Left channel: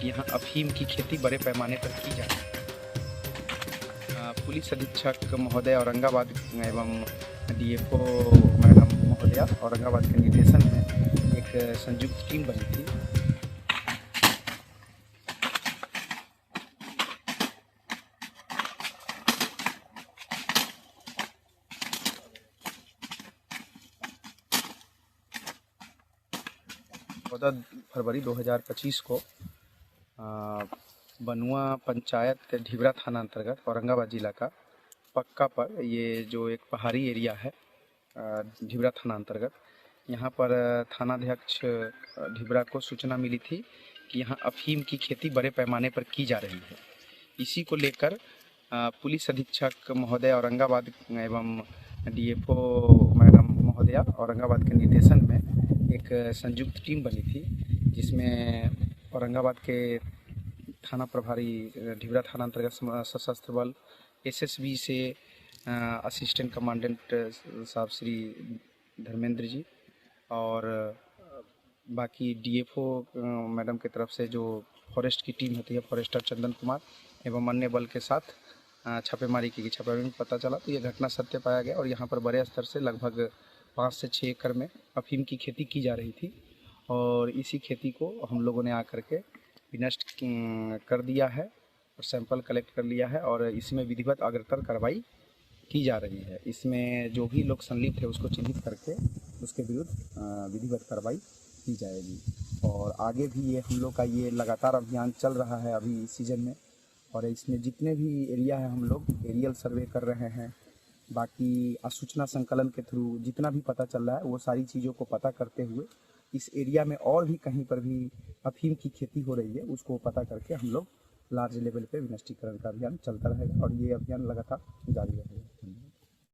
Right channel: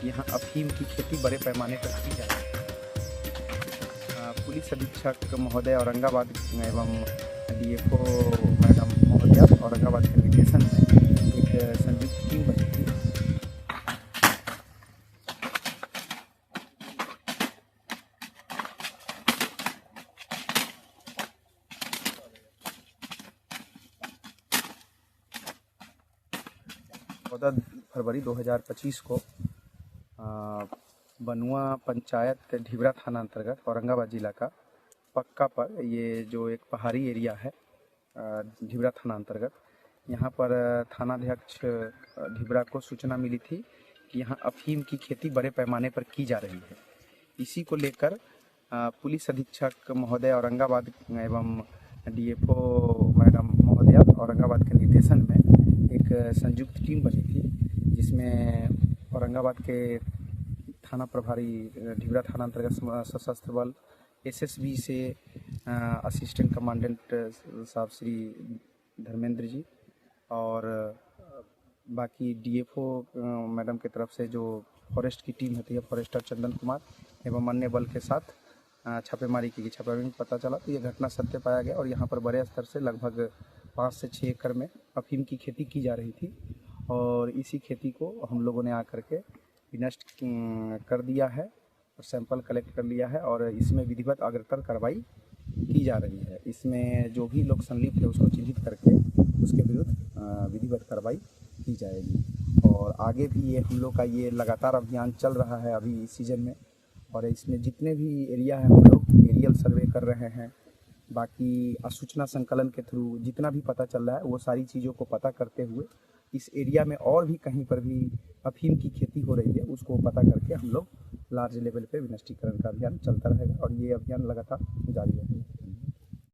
कि यहाँ अफीम की खेती बड़े पैमाने पर की जा रही है। पुलिस अधीक्षक महोदय औरंगाबाद एवं डीएफओ मैडम महोदया औरंगाबाद के निर्देशन में एक संयुक्त टीम बनी थी। फरवरी 2025 को बनुआ पंचायत ढिबरा थाना अंतर्गत औरंगाबाद जिला का पक्का पर ये जो एक पहाड़ी एरिया है ढिबरा थाना अंतर्गत, यहाँ पर थानाध्यक्ष ढिबरा को सूचना मिली थी कि यहाँ अफीम की खेती बड़े पैमाने पर की जा रही है। इसी को लेकर पुलिस अधीक्षक महोदय औरंगाबाद एवं डीएफओ मैडम महोदया औरंगाबाद के निर्देशन में एक संयुक्त टीम बनी थी, जिसमें औरंगाबाद के थाना प्रभारी ढिबरा थाना अंतर्गत सशस्त्र बल एसएसबी से असिस्टेंट कमांडेंट साहब श्री धर्मेंद्र जी और बाकी डीएफओ मैडम की तरफ से जो फॉरेस्ट की टीम होती है फॉरेस्टर चंदन कुमार एवं अन्य बल के साथ छापेमारी की। छापेमारी में पता चला तो ये घटना सत्य पाया गया और यहाँ पर बड़े स्तर से लगभग 5 से 6 एकड़ में अफीम की खेती की जा रही थी और इसी खेती को हम लोगों ने आकर के विनष्ट कर दिया है और सैंपल कलेक्ट कर लिया है और इसमें विधिवत अग्रतर कार्रवाई की जा रही है। इसमें जो भी लोग संलिप्त है उसको चिन्हित करके उसके विरुद्ध विधिवत कार्रवाई की जाएगी और आगे भी ये हम लोग का ये लगातार अभियान चल रहा है अभी इस सीज़न में और इसमें जितने भी एरिया है हम लोग एरियल सर्वे कर रहे हैं। बाकी सूचना संकलन के थ्रू जितना भी पता चल रहा है वो सारी चीज़ों को पता करते हुए इस एरिया में और भी कहीं पर भी अफीम की खेती हो रही है उसको पता करके हम लोग लार्ज लेवल पे विनष्टीकरण का अभियान चलता रहेगा और ये अभियान लगातार जारी रहेगा।